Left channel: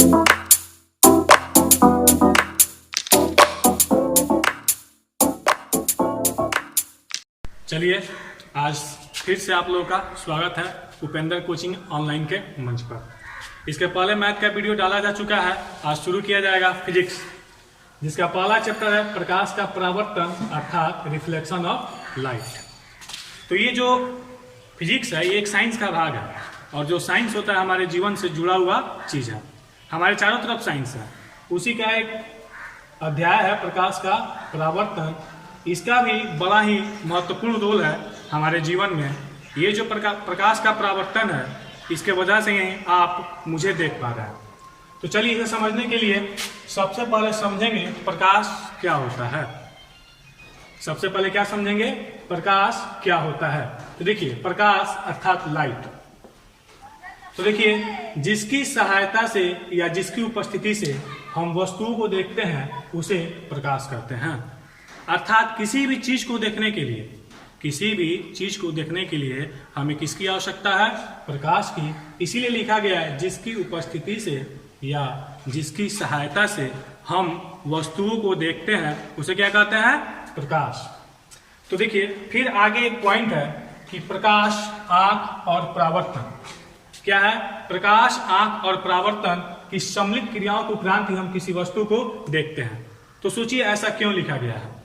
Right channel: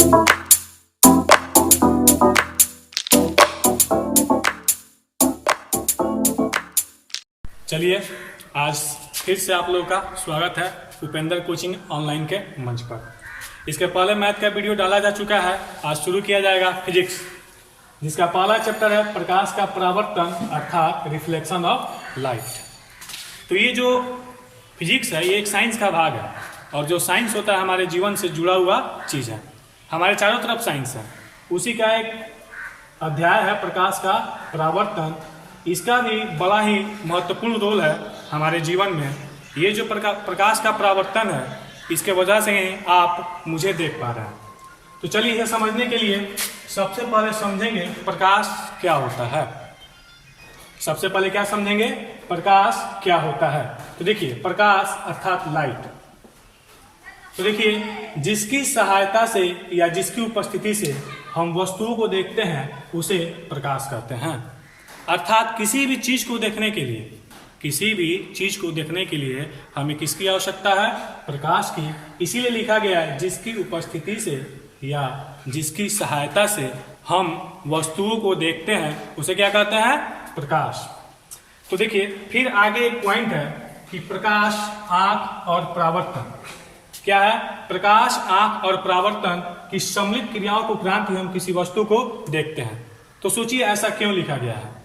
चलिए, आज फिर से आप लोगों का स्वागत है उपेंद्र कोचिंग ऑनलाइन के मंच पर। इसके पहले मैथ का वीडियो डाला जा चुका है, आज शुरू किया जाएगा फिजिक्स, जिसका पहला चैप्टर है प्रकाश का परावर्तन अर्थात रिफ्लेक्शन ऑफ लाइट। तो ये जो फिजिक्स है ये एक साइंस का भाग है, और जो साइंस होता है हमारे जीवन से जुड़ा हुआ चीज़ है, हमारे चारों तरफ साइंस है। उसी का एक अध्याय है प्रकाश का परावर्तन। इसका भी बड़ा ही महत्वपूर्ण रोल है हमारे जीवन में। ये जो प्रकाश का परावर्तन है, इसके वजह से आप मुझे देख पा रहे हैं। तो चलिए इसे समझने के लिए सबसे पहले समझेंगे प्रकाश क्या होता है। सबसे पहले क्या समझेंगे, प्रकाश क्या होता है। तो देखिए, प्रकाश अर्थात लाइट। तो देखिए, जिसकी सहायता से या जिसकी उपस्थिति से हम वस्तुओं को देखते हैं उसे प्रकाश कहते हैं। अर्थात किसी भी चीज को देखने के लिए हमें किसकी आवश्यकता है, प्रकाश की। इसीलिए लिखा गया है जिसकी उपस्थिति से या जिसकी सहायता से हम वस्तुओं को देखते हैं उसे क्या कहते हैं, प्रकाश। तो देखिए, फिर आगे एक पॉइंट है कि प्रकाश, आंख और परावर्तन क्या है। प्रकाश, आंख और परावर्तन की सम्मिलित क्रियाओं के उपरांत ही हम किसी वस्तु को देखते हैं। तो सोचिए, ऐसा क्यों लिखा गया है,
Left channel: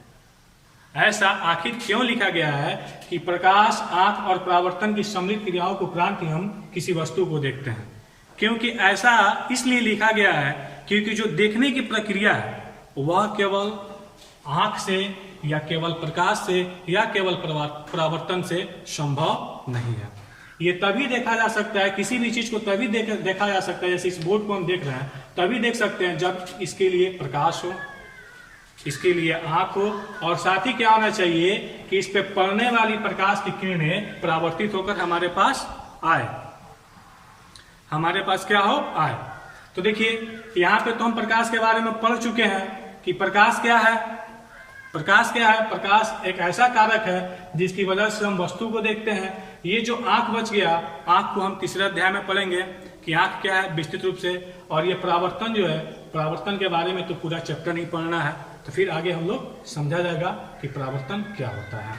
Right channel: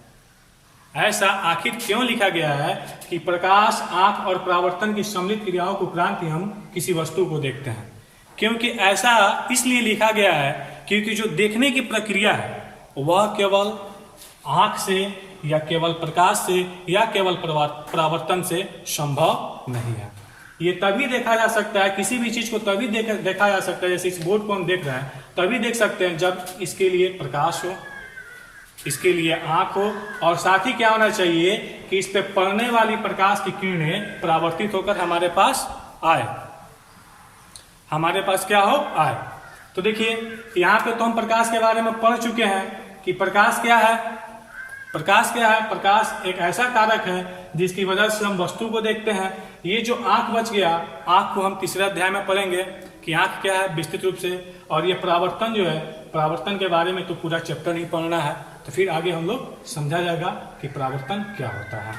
ऐसा आखिर क्यों लिखा गया है कि प्रकाश, आंख और परावर्तन की सम्मिलित क्रियाओं के उपरांत ही हम किसी वस्तु को देखते हैं। क्योंकि ऐसा इसलिए लिखा गया है क्योंकि जो देखने की प्रक्रिया है वह केवल आंख से या केवल प्रकाश से या केवल परावर्तन से संभव नहीं है। ये तभी देखा जा सकता है, किसी भी चीज को तभी देखा जा सकता है, जैसे इस बोर्ड को हम देख रहे हैं तभी देख सकते हैं जब इसके लिए प्रकाश हो, इसके लिए आंख हो, और साथ ही क्या होना चाहिए कि इस पे पड़ने वाली प्रकाश की किरणें परावर्तित होकर हमारे पास आए, हमारे पास क्या हो, आए। तो देखिए, यहाँ पे तो हम प्रकाश के बारे में पढ़ चुके हैं कि प्रकाश क्या है। प्रकाश क्या है, प्रकाश एक ऐसा कारक है जिसकी वजह से हम वस्तु को देखते हैं। ये जो आंख बच गया, आंख को हम तीसरे अध्याय में पढ़ेंगे कि आंख क्या है विस्तृत रूप से। और ये परावर्तन जो है, परावर्तन के बारे में तो पूरा चैप्टर नहीं पढ़ना है, तो फिर आगे हम लोग समझा जाएगा कि परावर्तन क्या होता है।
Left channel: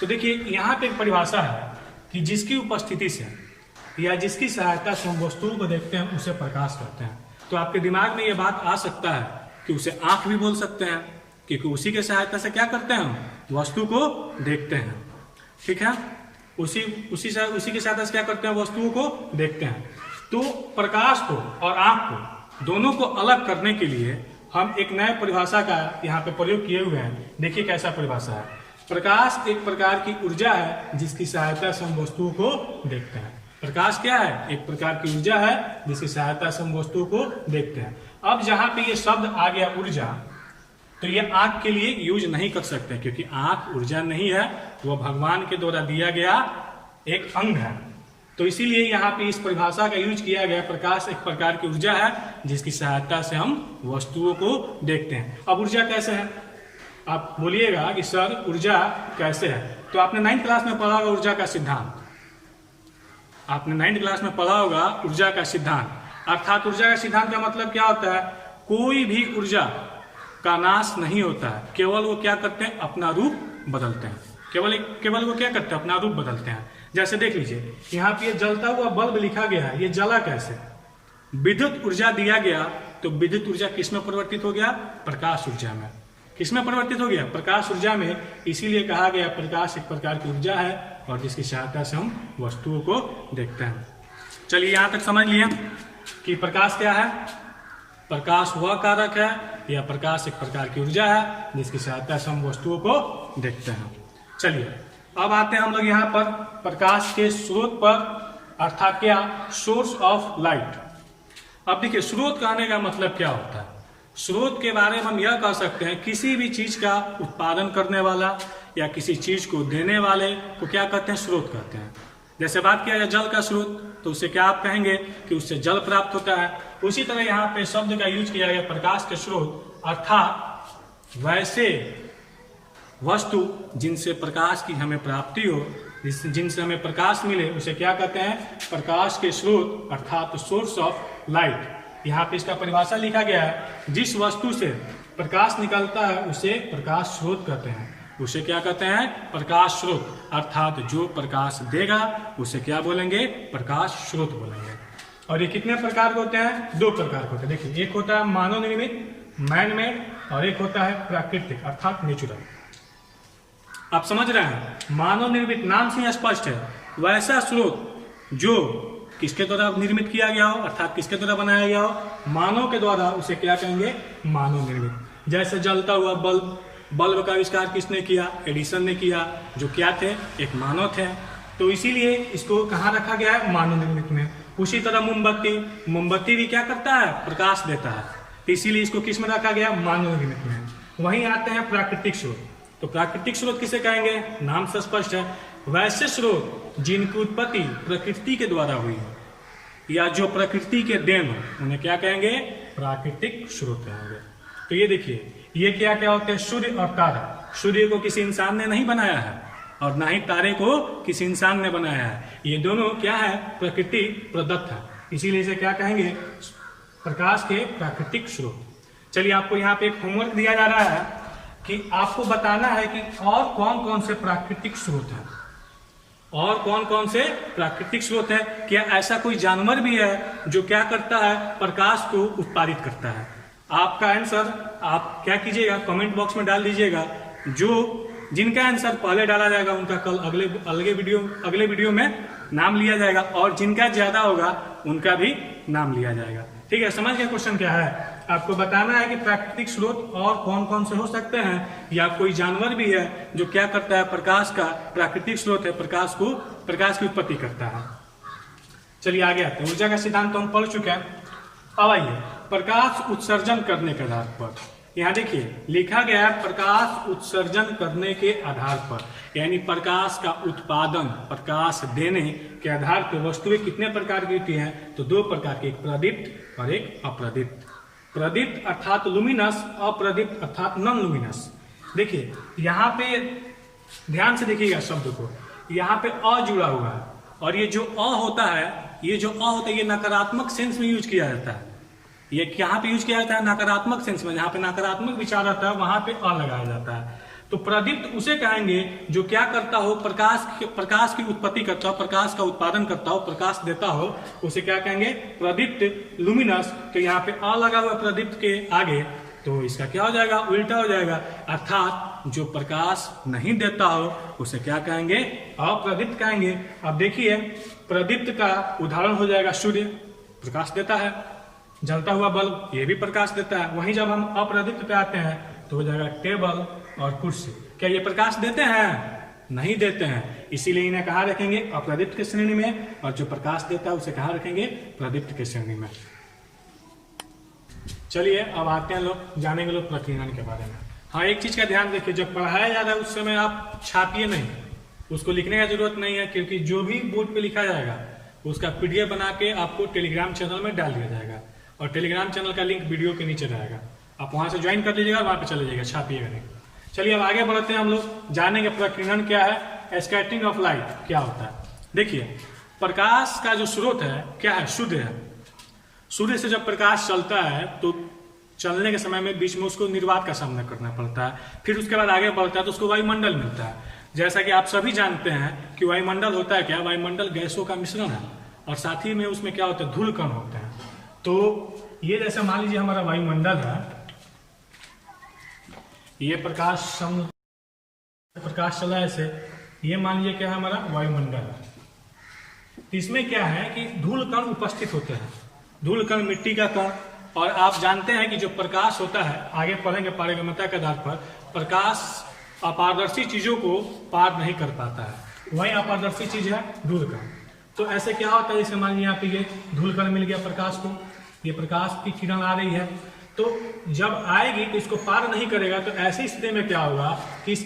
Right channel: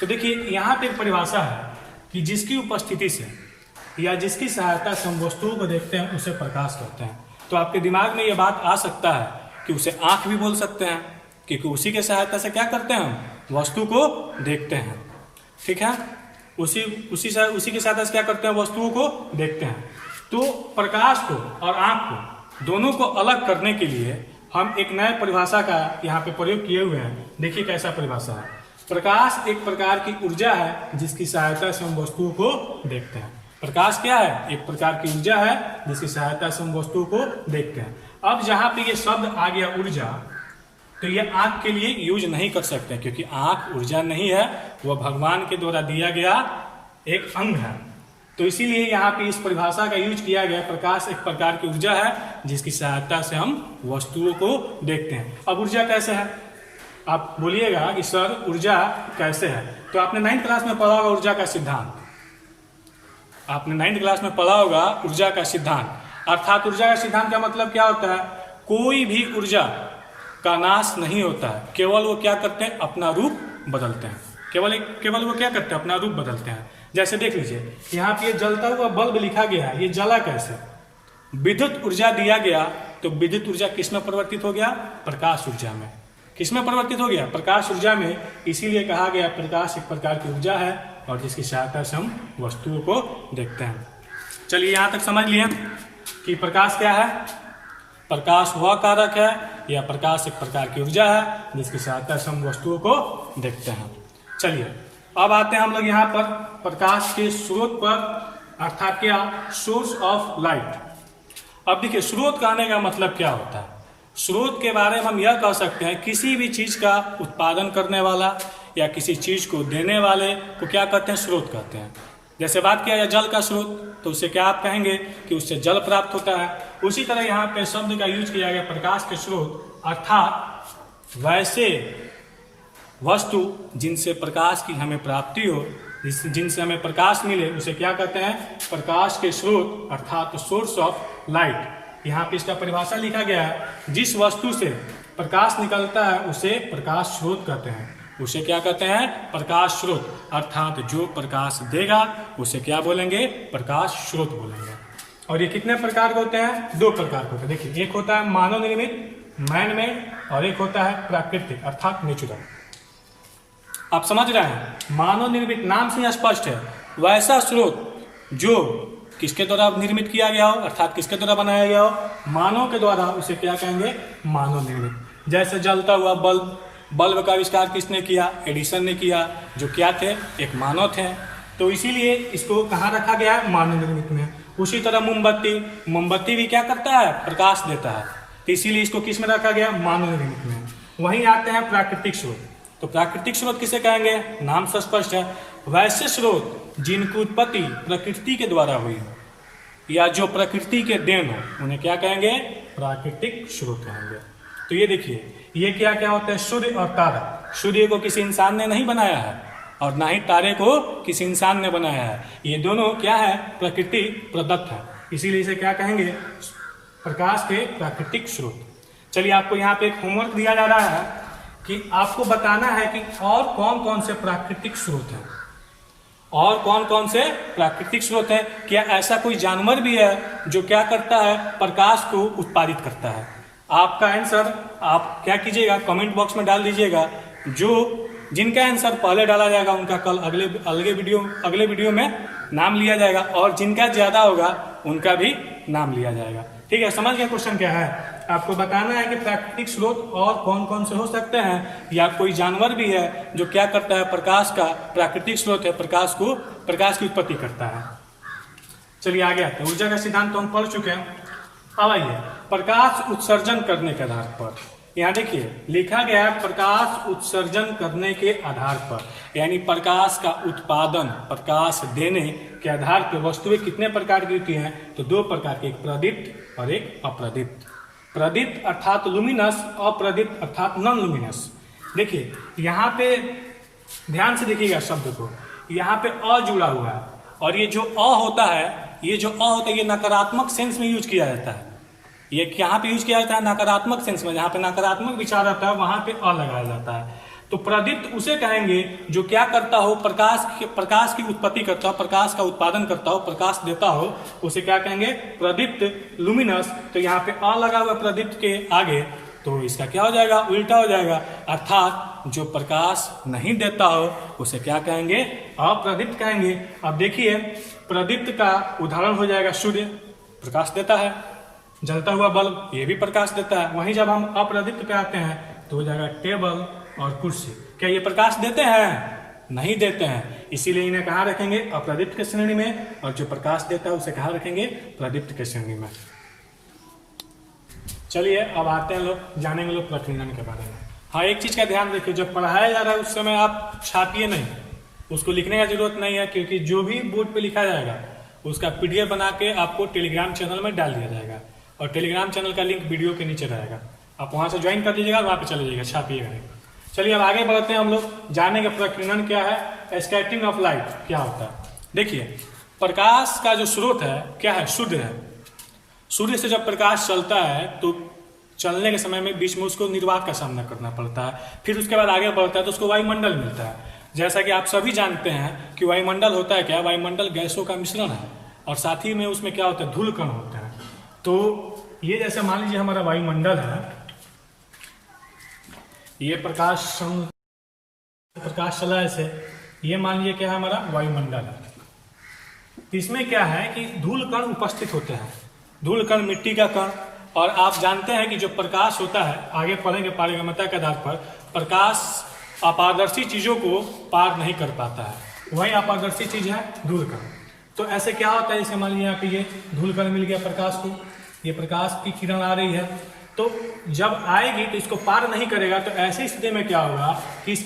तो देखिए, यहाँ पे एक परिभाषा है कि जिसकी उपस्थिति से या जिसकी सहायता से हम वस्तुओं को देखते हैं उसे प्रकाश कहते हैं। तो आपके दिमाग में ये बात आ सकता है कि उसे आंख भी बोल सकते हैं, क्योंकि उसी के सहायता से क्या करते हैं, हम वस्तु को देखते हैं। ठीक है, उसी के सहायता से क्या करते हैं, वस्तुओं को देखते हैं। तो प्रकाश को और आंख को दोनों को अलग करने के लिए हम एक नए परिभाषा का यहाँ पे प्रयोग किए हुए हैं। देखिए कैसा परिभाषा है। प्रकाश एक प्रकार की ऊर्जा है जिसकी सहायता से हम वस्तुओं को देखते हैं। प्रकाश क्या है, एक प्रकार की ऊर्जा है जिसकी सहायता से हम वस्तुओं को देखते हैं। अब जहाँ पे ये शब्द आ गया ऊर्जा, तो ये आंख के लिए यूज नहीं कर सकते, क्योंकि आंख ऊर्जा नहीं है, वह भगवान के द्वारा दिया गया एक अंग है। तो इसीलिए यहाँ पे इस परिभाषा का यूज किया गया। प्रकाश एक प्रकार की ऊर्जा है जिसकी सहायता से हम वस्तुओं को देखते हैं। अब ऊर्जा कैसे है, आप बोलिएगा कि सर ऊर्जा कैसे है। तो आपने 9th क्लास में पढ़ा होगा ऊर्जा का सिद्धांत, आपने 9th क्लास में पढ़ा होगा ऊर्जा का सिद्धांत। अर्थात ऊर्जा का सिद्धांत का मतलब क्या होता है, कोई भी ऊर्जा का नाश नहीं होता है, केवल वो क्या करते हैं, अपना रूप बदलते हैं। केवल वो क्या करते हैं, अपना रूप बदलते हैं। जैसे देख लीजिए, यहाँ पे जलता हुआ बल्ब लिखा गया है, ये जला कैसे, विद्युत ऊर्जा दिया गया, तो विद्युत ऊर्जा किसमें परिवर्तित हो गया, प्रकाश ऊर्जा में। किसमें परिवर्तित हो गया, प्रकाश ऊर्जा में। इसीलिए कहा गया प्रकाश एक प्रकार की ऊर्जा है और जिसकी सहायता से हम वस्तुओं को देखते हैं। चलिए, यहाँ तक समझ लिए कि प्रकाश क्या है। प्रकाश वह कारक है या प्रकाश एक प्रकार की ऊर्जा है जिसकी सहायता से हम वस्तुओं को देखते हैं। चलिए, अब आते हैं हम लोग यहाँ पर प्रकाश के स्रोत पर, अर्थात क्या, सोर्स ऑफ लाइट। अब देखिए, स्रोत कहने का मतलब क्या होता है। स्रोत के बारे में हम यह कह सकते हैं किसी भी चीज का उत्पादन करने वाला या किसी चीज को देने वाले को क्या कहते हैं, स्रोत कहते हैं। जैसे बात किया जाए जल का स्रोत, तो उससे क्या आप कहेंगे कि उससे जल प्राप्त होता है। उसी तरह यहाँ पे शब्द का यूज किया गया प्रकाश के स्रोत, अर्थात वैसे वस्तु जिनसे प्रकाश की हमें प्राप्ति हो, जिनसे हमें प्रकाश मिले, उसे क्या कहते हैं, प्रकाश के स्रोत, अर्थात सोर्स ऑफ लाइट। यहाँ पे इसका परिभाषा लिखा गया है, जिस वस्तु से प्रकाश निकलता है उसे प्रकाश स्रोत कहते हैं। उसे क्या कहते हैं? प्रकाश स्रोत। अर्थात जो प्रकाश देगा उसे क्या बोलेंगे? प्रकाश स्रोत बोलेंगे। और ये कितने प्रकार के होते हैं? 2 प्रकार के होते हैं। देखिए, एक होता है मानव निर्मित, मैन मेड, और एक होता है प्राकृतिक अर्थात नेचुरल। आप समझ रहे हैं? मानव निर्मित नाम से स्पष्ट है, वैसा स्रोत जो किसके द्वारा निर्मित किया गया हो, अर्थात किसके द्वारा बनाया गया हो? मानव के द्वारा। उसे क्या कहेंगे? मानव निर्मित। जैसे जलता हुआ बल्ब, बल्ब का आविष्कार किसने किया? एडिसन ने किया, जो क्या थे? एक मानव थे। तो इसीलिए इसको कहाँ रखा गया है? मानव निर्मित में। उसी तरह मोमबत्ती, मोमबत्ती भी क्या करता है? प्रकाश देता है। तो इसीलिए इसको किस में रखा गया? मानव निर्मित में। वहीं आते हैं प्राकृतिक स्रोत। तो प्राकृतिक स्रोत किसे कहेंगे? नाम से स्पष्ट है, वैसे स्रोत जिनकी उत्पत्ति प्रकृति के द्वारा हुई हो या जो प्रकृति के देन हो, उन्हें क्या कहेंगे? प्राकृतिक स्रोत कहेंगे। तो ये देखिए, ये क्या क्या होते हैं? सूर्य और तारा। सूर्य को किसी इंसान ने नहीं बनाया है और ना ही तारे को किसी इंसान ने बनाया है। ये दोनों क्या है? प्रकृति प्रदत्त है। इसीलिए इसे क्या कहेंगे? प्रकाश के प्राकृतिक स्रोत। चलिए, आपको यहाँ पे एक होमवर्क दिया जा रहा है कि आपको बताना है कि और कौन कौन से प्राकृतिक स्रोत हैं, और कौन कौन से प्राकृतिक स्रोत है। क्या ऐसा कोई जानवर भी है जो क्या करता है? प्रकाश को उत्पादित करता है। आपका आंसर आप क्या कीजिएगा? कमेंट बॉक्स में डाल दीजिएगा। जिनका आंसर पहले डाला जाएगा उनका कल अगले वीडियो में नाम लिया जाएगा, और जिनका ज्यादा होगा उनका भी नाम लिया जाएगा। ठीक है, समझ गया क्वेश्चन क्या है? आपको बताना है कि प्राकृतिक स्रोत और कौन कौन से हो सकते हैं, या कोई जानवर भी है जो क्या करता है? प्रकाश का प्राकृतिक स्रोत है, प्रकाश की उत्पत्ति करता है। चलिए आगे आते हैं। ऊर्जा का सिद्धांत तो हम पढ़ चुके हैं। अब आइए, प्रकाश उत्सर्जन करने के आधार पर। यहाँ देखिए लिखा गया है, प्रकाश उत्सर्जन करने के आधार पर, यानी प्रकाश का उत्पादन, प्रकाश देने के आधार पर वस्तुएं कितने प्रकार की होती हैं? तो 2 प्रकार की, एक प्रदीप्त और एक अप्रदीप्त। प्रदीप्त अर्थात लुमिनस, अप्रदीप्त अर्थात नॉन लुमिनस। देखिए यहाँ पे ध्यान से देखिएगा शब्द को, यहाँ पे अ जुड़ा हुआ है, और ये जो अ होता है, ये नकारात्मक सेंस में यूज किया जाता है। ये कहाँ पे यूज किया जाता है? नकारात्मक सेंस में। जहाँ पे नकारात्मक विचार आता है वहां पे अ लगाया जाता है। तो प्रदीप्त उसे कहेंगे जो क्या करता हो? प्रकाश की उत्पत्ति करता हो, प्रकाश का उत्पादन करता हो, प्रकाश देता हो, उसे क्या कहेंगे? प्रदीप्त। लुमिनस, तो यहाँ पे अ लगा हुआ प्रदीप्त के आगे, तो इसका क्या हो जाएगा? उल्टा हो जाएगा। अर्थात जो प्रकाश नहीं देता हो उसे क्या कहेंगे? अप्रदीप्त कहेंगे। अब देखिए, प्रदीप्त का उदाहरण हो जाएगा सूर्य, प्रकाश देता है। जलता हुआ बल्ब, ये भी प्रकाश देता है। वहीं जब हम अप्रदीप्त पे आते हैं तो हो जाएगा टेबल और कुर्सी। क्या ये प्रकाश देते हैं? नहीं देते हैं। इसीलिए इन्हें कहाँ रखेंगे? अप्रदीप्त के श्रेणी में, और जो प्रकाश देता है उसे कहाँ रखेंगे? प्रदीप्त के श्रेणी में। चलिए अब आते हैं जानेंगे लोग प्रकीर्णन के बारे में। हाँ, एक चीज का ध्यान रखिए, जब पढ़ाया जा रहा है उस समय आप छापिए नहीं, उसको लिखने का जरूरत नहीं है, क्योंकि जो भी बोर्ड पे लिखा जाएगा उसका PDF बना के आपको टेलीग्राम चैनल में डाल दिया जाएगा, और टेलीग्राम चैनल का लिंक वीडियो के नीचे रहेगा। आप वहां से ज्वाइन कर लीजिएगा, वहां पे चले जाइएगा, छापिएगा नहीं। चलिए अब आगे बढ़ते हैं, हम लोग जानेंगे प्रकीर्णन क्या है, स्कैटरिंग ऑफ लाइट क्या होता है। देखिए, प्रकाश का जो स्रोत है क्या है? सूर्य है। सूर्य से जब प्रकाश चलता है तो चलने के समय में बीच में उसको निर्वात का सामना करना पड़ता है, फिर उसके बाद आगे बढ़ता है तो उसको वायुमंडल मिलता है। जैसा कि आप सभी जानते हैं कि वायुमंडल होता है क्या? वायुमंडल गैसों का मिश्रण है, और साथ ही में उसमें क्या होता है? धूल कण होते हैं। तो ये जैसे मान लीजिए हमारा वायुमंडल है, ये प्रकाश चला ऐसे, ये मान लीजिए क्या है? हमारा वायुमंडल है। तो इसमें क्या है कि धूल कण उपस्थित होते हैं, धूल कण, मिट्टी का कण। और आप जानते हैं कि जो प्रकाश होता है, आगे पढ़ेंगे पारगम्यता के आधार पर, प्रकाश अपारदर्शी चीजों को पार नहीं कर पाता है, वही अपारदर्शी चीज है धूल कण। तो ऐसे क्या होता है, जैसे मान लीजिए यहाँ पे ये धूल कण मिल गया प्रकाश को, ये प्रकाश की किरण आ रही है, तो जब आएगी तो इसको पार नहीं करेगा। तो ऐसी स्थिति में क्या होगा कि इस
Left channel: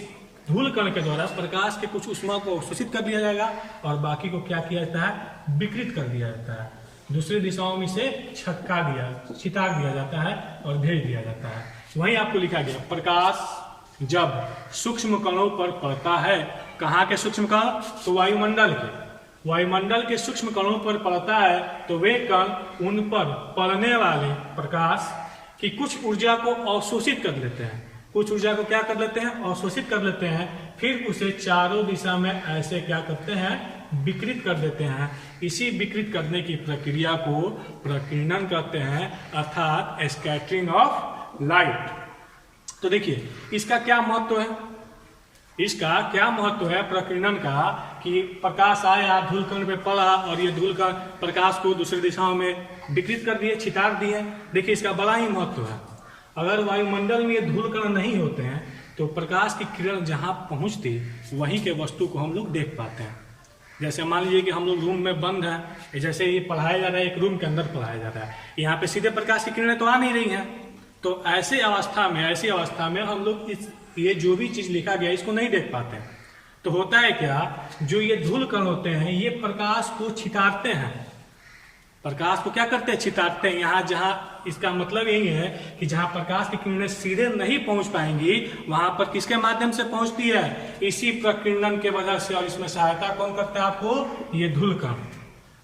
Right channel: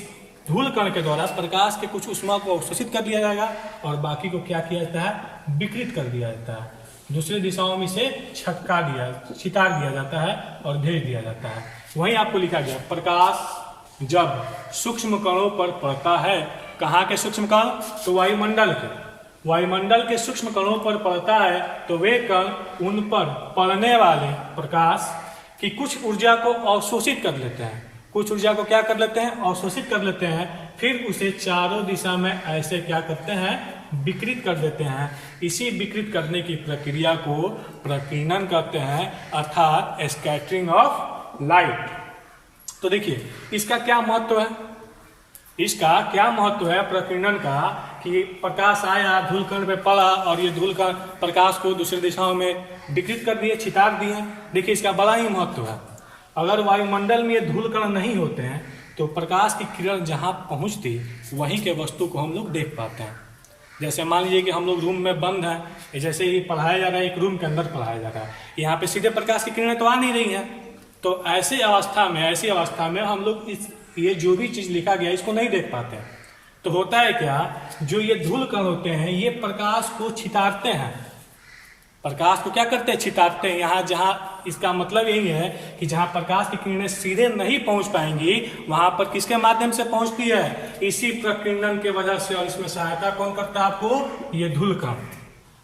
धूल कण के द्वारा प्रकाश के कुछ ऊष्मा को अवशोषित कर दिया जाएगा, और बाकी को क्या किया जाता है? विकृत कर दिया जाता है, दूसरे दिशाओं में इसे छितार दिया जाता है और भेज दिया जाता है। वहीं आपको लिखा गया, प्रकाश जब सूक्ष्म कणों पर पड़ता है, कहाँ के सूक्ष्म कण? तो वायुमंडल के। वायुमंडल के सूक्ष्म कणों पर पड़ता है तो वे कण उन पर पड़ने वाले प्रकाश की कुछ ऊर्जा को अवशोषित कर लेते हैं। कुछ ऊर्जा को क्या कर लेते हैं? अवशोषित कर लेते हैं। फिर उसे चारों दिशा में ऐसे क्या करते हैं? विकृत कर देते हैं। इसी विकृत करने की प्रक्रिया को प्रकीर्णन कहते हैं, अर्थात स्कैटरिंग ऑफ लाइट। तो देखिए इसका क्या महत्व है? इसका क्या महत्व है प्रकीर्णन का कि प्रकाश आया, धूलकण पे पड़ा और ये धूलकण प्रकाश को दूसरी दिशाओं में विकृत कर दिए, छितार दिए। देखिए इसका बड़ा ही महत्व है। अगर वायुमंडल में ये धूलकण नहीं होते हैं तो प्रकाश की किरण जहाँ पहुँचती वहीं के वस्तु को हम लोग देख पाते हैं। जैसे मान लीजिए कि हम लोग रूम में बंद हैं, जैसे ये पढ़ाया जा रहा है, एक रूम के अंदर पढ़ाया जा रहा है, यहाँ पे सीधे प्रकाश की किरणें तो आ नहीं रही हैं। तो ऐसी अवस्था में हम लोग ये जो भी चीज लिखा गया इसको नहीं देख पाते हैं। तो होता है क्या, जो ये धूल कण होते हैं ये प्रकाश को छितारते हैं। प्रकाश को क्या करते हैं? छितारते हैं। यहाँ जहाँ इसका मतलब यही है कि जहाँ प्रकाश की किरणें सीधे नहीं पहुंच पाएंगी वहां पर किसके माध्यम से पहुंचती है? इसी प्रकीर्णन के वजह से। और इसमें सहायता कौन करता है आपको? ये धूल कण।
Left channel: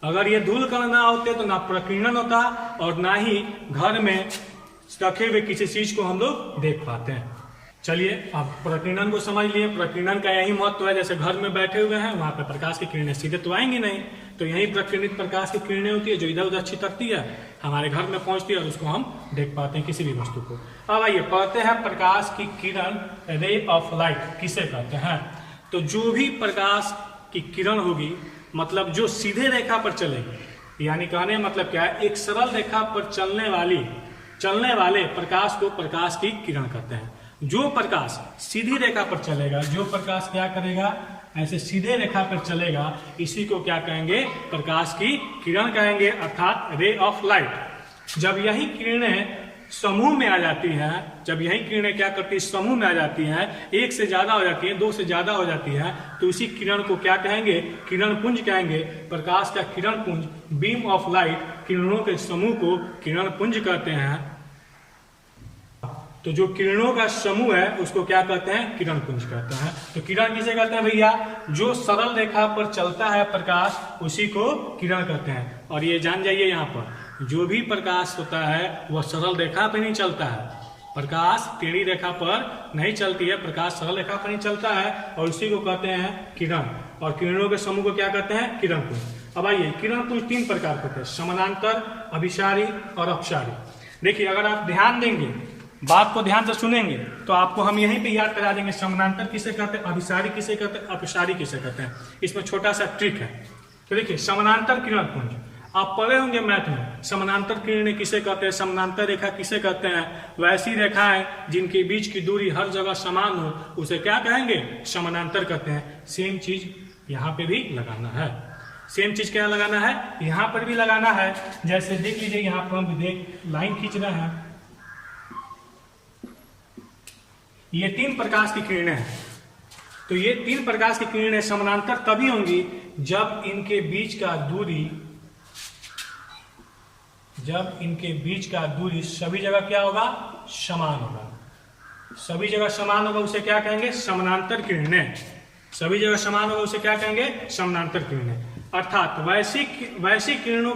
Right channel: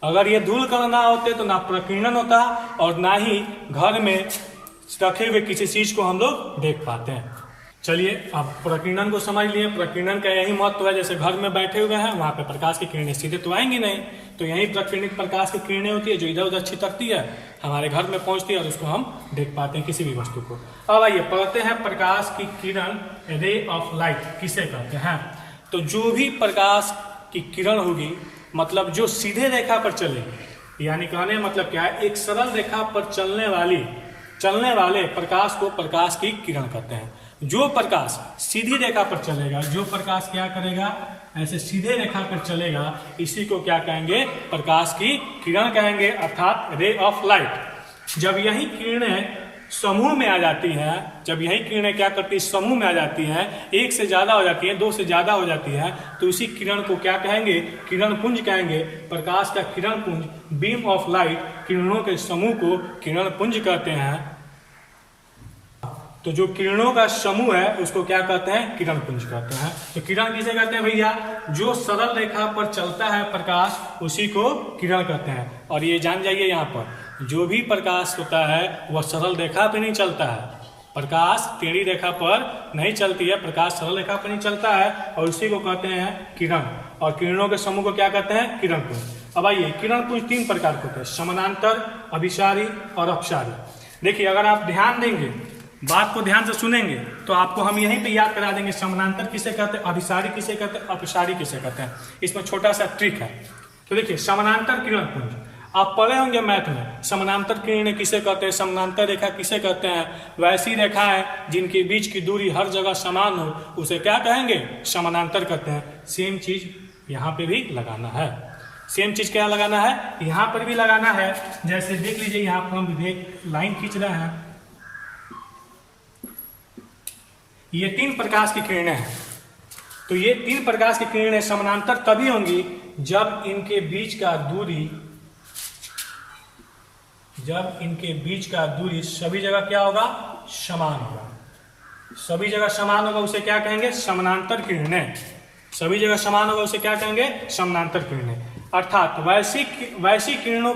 अगर ये धूल कण ना होते तो ना प्रकीर्णन होता और ना ही घर में रखे हुए किसी चीज को हम लोग देख पाते हैं। चलिए अब प्रकीर्णन को समझ लिए। प्रकीर्णन का यही महत्व है, जैसे घर में बैठे हुए हैं वहां पे प्रकाश की किरणें सीधे तो आएंगी नहीं, तो यही प्रकीर्णित प्रकाश की किरणें होती है जो इधर उधर छिटकती है, हमारे घर में पहुंचती है और उसको हम देख पाते हैं किसी भी वस्तु को। अब आइए पढ़ते हैं प्रकाश की किरण, रे ऑफ लाइट किसे कहते हैं। तो जो भी प्रकाश की किरण होगी, मतलब जो सीधे रेखा पर चलेगी, यानी कहने मतलब क्या है, एक सरल रेखा पर चलने वाले प्रकाश को प्रकाश की किरण कहते हैं। जो प्रकाश सीधी रेखा पर चलेगा, जो प्रकाश क्या करेगा, ऐसे सीधे रेखा पर चलेगा, इसी को क्या कहेंगे? प्रकाश की किरण कहेंगे, अर्थात रे ऑफ लाइट। जब यही किरणें समूह में आ जाती है, जब यही किरणें क्या करती है? समूह में आ जाती हैं, एक से ज्यादा हो जाती है, दो से ज्यादा हो जाती है, तो इसी किरण को क्या कहेंगे? किरण पुंज कहेंगे। प्रकाश का किरण पुंज, बीम ऑफ लाइट, किरणों के समूह को किरण पुंज कहते हैं। तो जो किरणों का समूह है उसको क्या कहते हैं? किरण पुंज कहते हैं। तो किरण किसे कहते हैं भैया? जो सरल रेखा पर चलता है प्रकाश, उसी को किरण कहते हैं। और ये जान जाइए, यहाँ पर जो भी प्रकाश होता है वह सरल रेखा पर नहीं चलता है। प्रकाश टेढ़ी रेखा पर नहीं चलती है, प्रकाश सरल रेखा पर नहीं चलता है, और उसी को कहते हैं किरण। और किरणों के समूह को क्या कहते हैं? किरण पुंज। अब आइए, किरण पुंज तीन प्रकार के होते हैं, समानांतर, अभिसारी और अपसारी। देखिए अगर आप ध्यान देंगे, बात को ध्यान से सुनेंगे तो आपको हम यहीं पे याद करा देंगे समानांतर किसे कहते हैं, अभिसारी किसे कहते हैं, अपसारी किसे कहते हैं। इसमें छोटा सा ट्रिक है। तो देखिए समानांतर किरण पुंज आप पढ़े होंगे मैथ में। समानांतर किरणें किसे कहते हैं? समानांतर रेखा किसे कहते हैं? वैसी रेखाएं जिनके बीच की दूरी हर जगह समान हो उसे क्या कहेंगे? समानांतर कहते हैं। सेम चीज यहाँ पे भी लगाना है। सेम चीज क्या लगाना है? यहाँ पर भी लगाना है। जैसे देख लीजिए, यहाँ पर हम लाइन खींच रहे हैं, ये तीन प्रकाश की किरणें हैं। तो ये तीन प्रकाश की किरणें समानांतर तभी होंगी जब इनके बीच का दूरी सभी जगह क्या होगा? समान होगा। सभी जगह समान होगा उसे क्या कहेंगे? समानांतर किरणें। सभी जगह समान होगा उसे क्या कहेंगे? समानांतर किरणें। अर्थात वैसी किरणों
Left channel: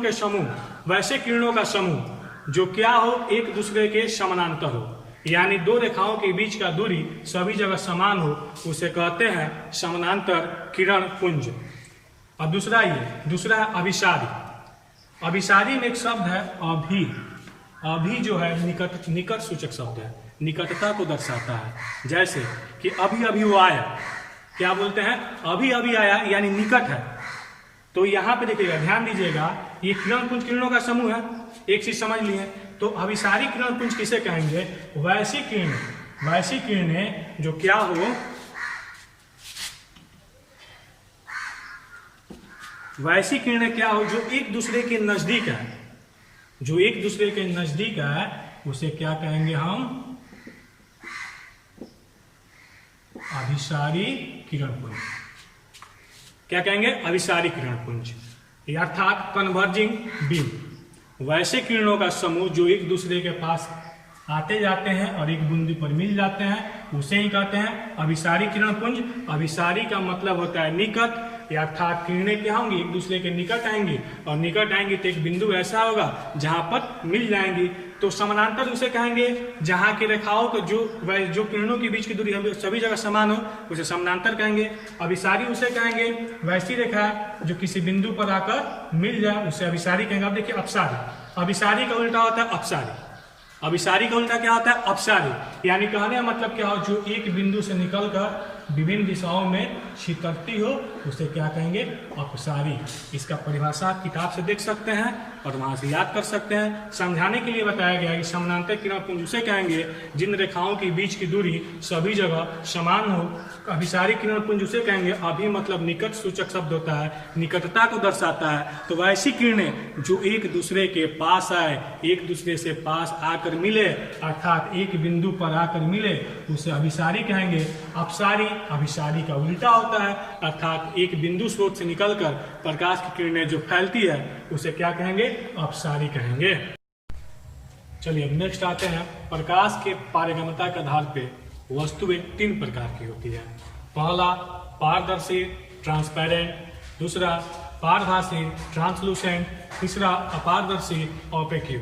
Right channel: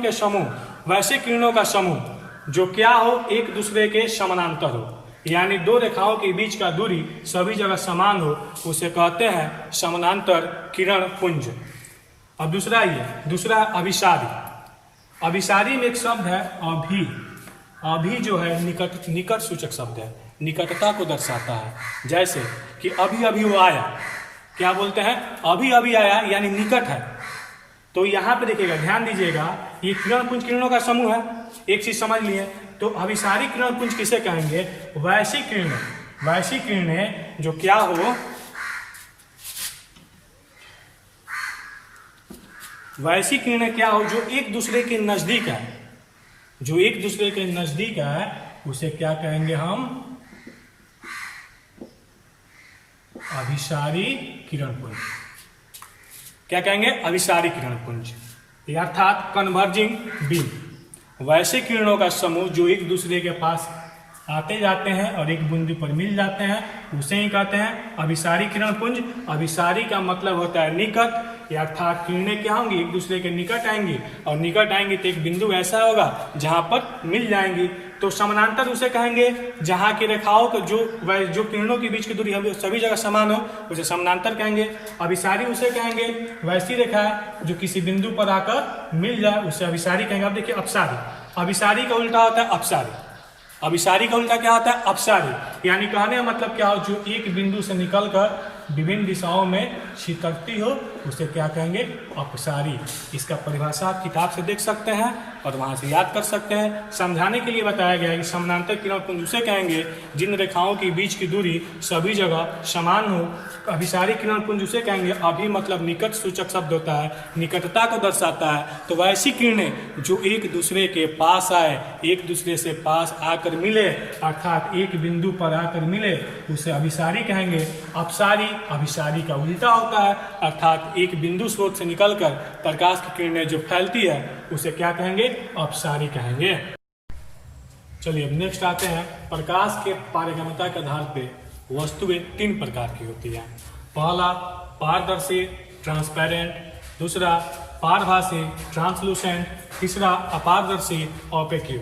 का समूह जो क्या हो? एक दूसरे के समानांतर हो, यानी दो रेखाओं के बीच का दूरी सभी जगह समान हो, उसे कहते हैं समानांतर किरण पुंज। अब दूसरा अभिसारी। अभिसारी में एक शब्द है अभी। अभी जो है निकट सूचक शब्द है, निकटता को दर्शाता है। जैसे कि अभी अभी वो आया, क्या बोलते हैं? अभी अभी आया, यानी निकट है। तो यहाँ पे देखिएगा, ध्यान दीजिएगा, ये किरण पुंज किरणों का समूह है। एक चीज समझ लिए, तो अभिसारी किरण पुंज किसे कहेंगे? वैसी किरणें जो क्या हो, वैसी किरणें क्या हो जो एक दूसरे के नजदीक है, उसे क्या कहेंगे हम? अभिसारी किरण पुंज। क्या कहेंगे? अभिसारी किरण पुंज, अर्थात कन्वर्जिंग बीम। वैसे किरणों का समूह जो एक दूसरे के पास आते जाते हैं और एक बिंदु पर मिल जाते हैं, उसे ही कहते हैं अभिसारी किरण पुंज। अभिसारी का मतलब होता है निकट, या अर्थात किरणें क्या होंगी, एक दूसरे के निकट आएंगी, और निकट आएंगी तो एक बिंदु ऐसा होगा जहां पर मिल जाएंगी। तो समानांतर उसे कहेंगे जहां की रेखाओं को जो किरणों के बीच की दूरी हम सभी जगह समान हो उसे समानांतर कहेंगे। अभिसारी उसे कहेंगे वैसी रेखा है जो किसी बिंदु पर आकर मिल जाए उसे अभिसारी कहेंगे। अब देखिए अपसारी, अभिसारी का उल्टा होता है अपसारी, अभिसारी का उल्टा क्या होता है अपसारी। यानी कहने का मतलब क्या हो, जो एक बिंदु से निकलकर विभिन्न दिशाओं में छितरती हो उसे क्या कहेंगे, अपसारी। इसका परिभाषा आप किताब से देख सकते हैं और वहां से याद कर सकते हैं। समझाने के लिए बताया गया है कि समानांतर किरणपुंज उसे कहेंगे जिन रेखाओं के बीच की दूरी सभी जगह समान हो। अभिसारी किरणपुंज उसे कहेंगे, अभी मतलब निकट सूचक शब्द होता है, निकटता को दर्शाता है। तो वैसी किरणें जो एक दूसरे के पास आए, एक दूसरे से पास आकर मिले, अर्थात एक बिंदु पर आकर मिले उसे अभिसारी कहेंगे। अपसारी अभिसारी का उल्टा होता है, अर्थात एक बिंदु स्रोत से निकलकर प्रकाश की किरणें जो फैलती है उसे क्या कहेंगे, अपसारी कहेंगे। चलिए अब नेक्स्ट आते हैं, प्रकाश के पारगम्यता के आधार पर वस्तुएं तीन प्रकार की होती हैं। पहला पारदर्शी ट्रांसपेरेंट, दूसरा पारभासी ट्रांसलूसेंट, तीसरा अपारदर्शी ऑपेक्यू।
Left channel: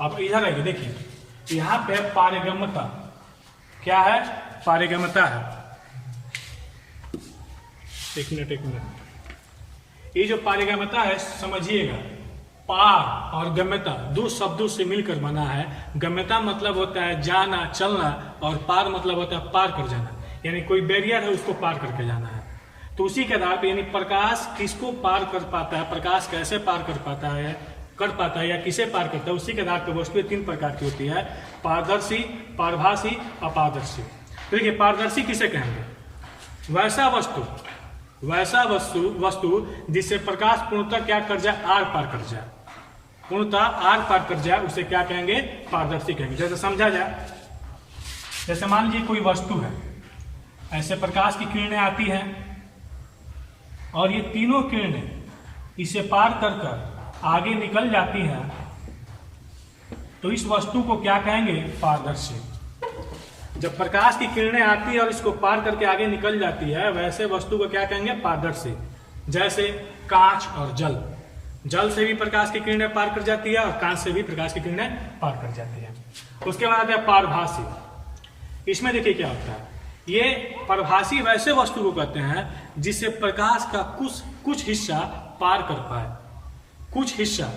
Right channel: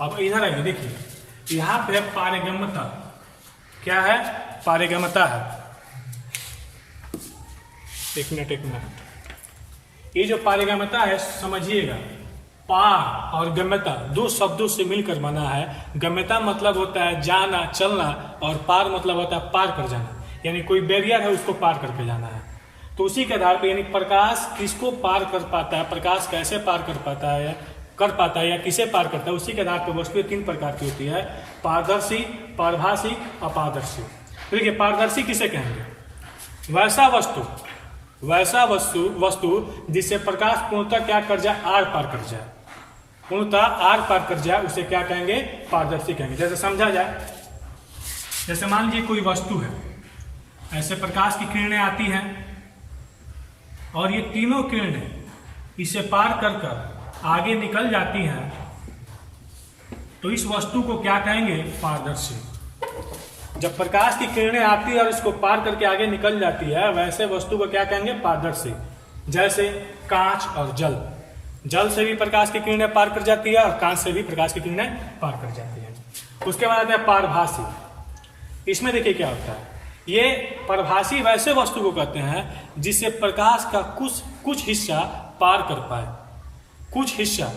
अब इधर आइए देखिए, यहाँ पे पारगम्यता क्या है, पारगम्यता है, एक मिनट। ये जो पारगम्यता है समझिएगा, पार और गम्यता दो शब्दों से मिलकर बना है। गम्यता मतलब होता है जाना चलना, और पार मतलब होता है पार कर जाना, यानी कोई बैरियर है उसको पार करके जाना है। तो उसी के आधार पर यानी प्रकाश किसको पार कर पाता है, प्रकाश कैसे पार कर पाता है या किसे पार करता है, उसी के आधार पर वस्तुएं तीन प्रकार की होती है, पारदर्शी, पारभासी, अपारदर्शी। तो देखिए पारदर्शी किसे कहेंगे, वैसा वस्तु जिससे प्रकाश पूर्णतः क्या कर जाए, आर पार कर जाए, पूर्णतः आर पार कर जाए उसे क्या कहेंगे, पारदर्शी कहेंगे। जैसे समझा जाए, जैसे मान लीजिए कोई वस्तु है, ऐसे प्रकाश की किरणें आती हैं और ये तीनों किरणें इसे पार कर आगे निकल जाती हैं, तो इस वस्तु को क्या कहेंगे, पारदर्शी। जब प्रकाश की किरणें आती है और इसको पार करके आगे निकल जाती है, वैसे वस्तु को क्या कहेंगे, पारदर्शी। जैसे कांच और जल से भी प्रकाश की किरणें पार कर जाती है और कांच से भी प्रकाश की किरणें पार कर जाती है। उसके बाद है पारभासी। इसमें देखिए क्या होता है, ये पारभासी वैसे वस्तु को कहते हैं जिससे प्रकाश का कुछ हिस्सा पार कर पाए। कुछ हिस्सा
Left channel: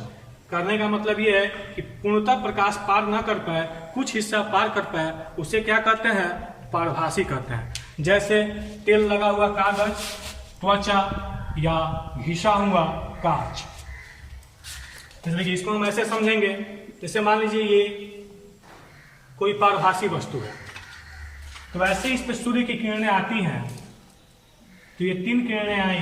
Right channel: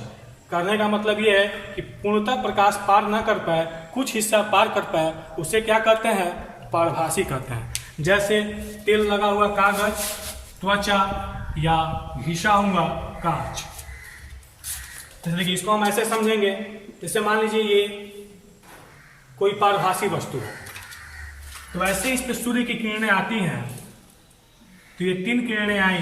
करने का मतलब ये है कि पूर्णतः प्रकाश पार न कर पाए, कुछ हिस्सा पार कर पाए, उसे क्या कहते हैं, पारभासी कहते हैं। जैसे तेल लगा हुआ कागज, त्वचा या घिसा हुआ कांच। देखिए इसको हम ऐसे समझेंगे, जैसे मान लीजिए ये कोई पारभासी वस्तु है, तो ऐसे इस पे सूर्य की किरणें आती हैं, तो ये तीन किरणें आई,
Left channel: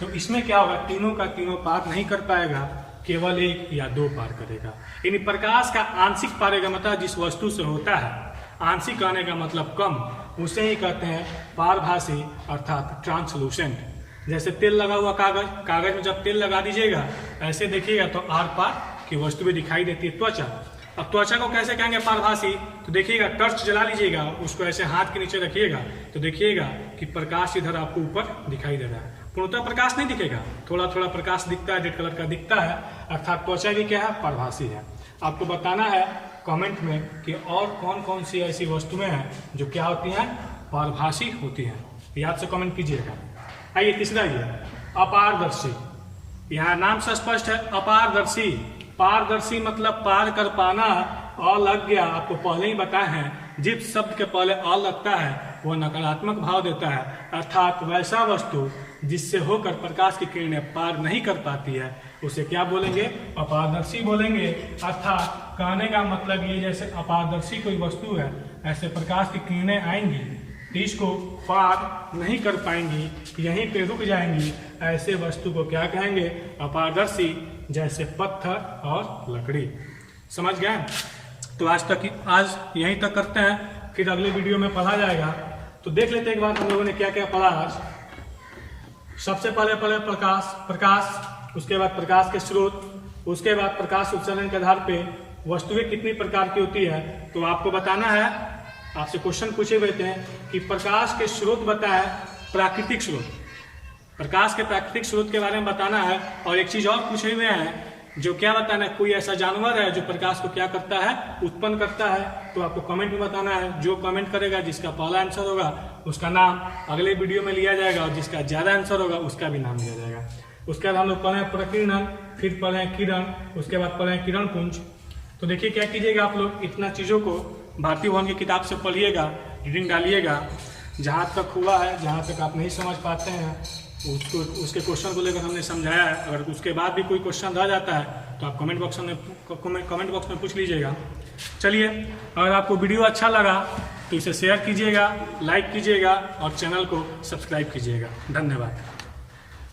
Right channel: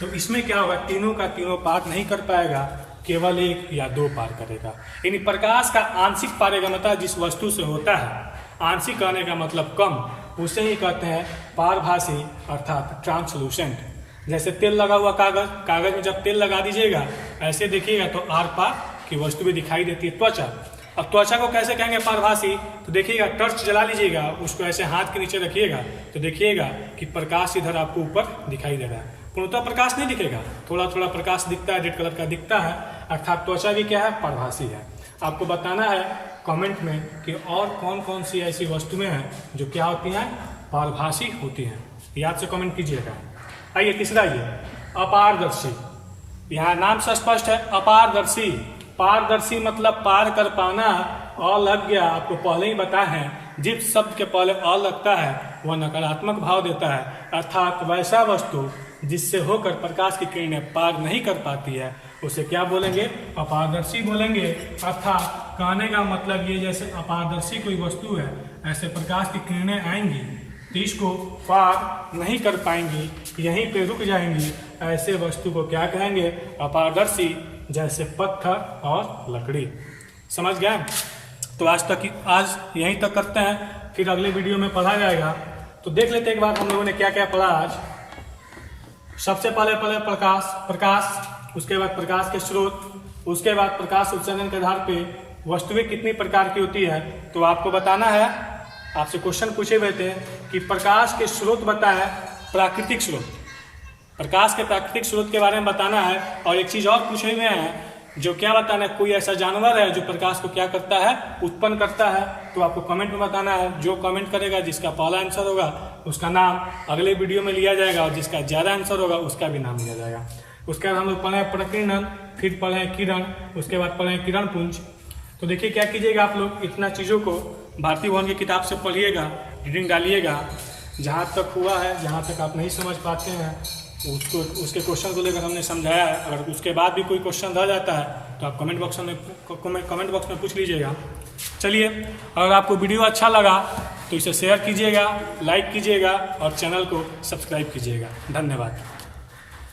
तो इसमें क्या होगा, तीनों का तीनों पार नहीं कर पाएगा, केवल एक या दो पार करेगा। यानी प्रकाश का आंशिक पारगम्यता जिस वस्तु से होता है, आंशिक कहने का मतलब कम, उसे ही कहते हैं पारभासी अर्थात ट्रांसलूसेंट। जैसे तेल लगा हुआ कागज में जब तेल लगा दीजिएगा ऐसे देखिएगा तो आर पार की वस्तु भी दिखाई देती है। त्वचा, अब त्वचा को कैसे कहेंगे पारभासी, तो देखिएगा टर्च जला लीजिएगा, उसको ऐसे हाथ के नीचे रखिएगा तो देखिएगा कि प्रकाश इधर आपको ऊपर दिखाई दे रहा है, पूर्णतः प्रकाश नहीं दिखेगा, थोड़ा थोड़ा प्रकाश दिखता है, रेड कलर का दिखता है, अर्थात त्वचा भी क्या है, पारभासी है। आपको बताना है कमेंट में कि और कौन कौन सी ऐसी वस्तुएं हैं जो क्या होती हैं, पारभासी होती हैं, याद से कमेंट कीजिएगा। आइए तीसरा, ये अपारदर्शी। यहाँ नाम से स्पष्ट है, अपारदर्शी। पारदर्शी मतलब पार कर पाना। अ लग गया, आपको पहले ही बताया है, जिस शब्द के पहले अ लगता है वह नकारात्मक भाव देता है, अर्थात वैसा वस्तु जिससे होकर प्रकाश की किरणें पार नहीं कर पाती है उसे क्या बोलेंगे, अपारदर्शी बोलेंगे। अर्थात कहने का मतलब ये, जैसे अपारदर्शी कोई वस्तु है, ऐसे प्रकाश की किरणें आएंगी तो इसको पार नहीं कर पाएंगी, यहीं पे रुक जाएंगी, ऐसे वस्तु को क्या कहेंगे, अपारदर्शी। जैसे पत्थर और लकड़ी। समझ गए? तो आज यहीं तक करते हैं, फिर अगले वीडियो में पढ़ा जाएगा। तो देख लेते एक बार हम लोगों ने क्या क्या पढ़ा आज। सबसे पहले प्रकाश, उसके बाद प्रकाश के स्रोत, उसके बाद प्रकाश उत्सर्जन के आधार पे वस्तुएं कितनी प्रकार की होती है। तो आपको बताना है, आपसे क्वेश्चन पूछे हुए थे कि प्रकाश के स्रोत बताएं, प्राकृतिक स्रोत, प्रकाश के प्राकृतिक स्रोत के बारे में बताना है। और एक चीज और पूछे हुए हैं, जो क्या बताना है, कोई ऐसा जानवर है जो प्रकाश को क्या करता है, उत्पन्न करता है। तो आपको कमेंट में बताना है। जो कमेंट करेगा, जिसका पहला आंसर होगा उसका नाम अगले वीडियो में लिया जाएगा, और जिसका ज्यादा आंसर होगा उसका भी नाम लिया जाएगा। उसके बाद हम लोग पढ़े प्रकीर्णन, फिर पढ़े किरण, उसके बाद पढ़े किरण पुंज। तो देखिए क्या कीजिएगा, आप लोग इतना चीज़ों को भारती भवन की किताब से पढ़िएगा, रीडिंग डालिएगा। जहाँ तक हुआ है, जहाँ तक आप नहीं समझ पाते हैं उसको, उसके क्वेश्चन को लेकर हमने समझाया है। अगर उसके बाद भी कोई क्वेश्चन रह जाता है तो आप कमेंट बॉक्स में पूछ लीजिएगा। चलिए, अगर आपको वीडियो अच्छा लगा तो इसे शेयर कीजिएगा, लाइक कीजिएगा और चैनल को सब्सक्राइब कीजिएगा। धन्यवाद।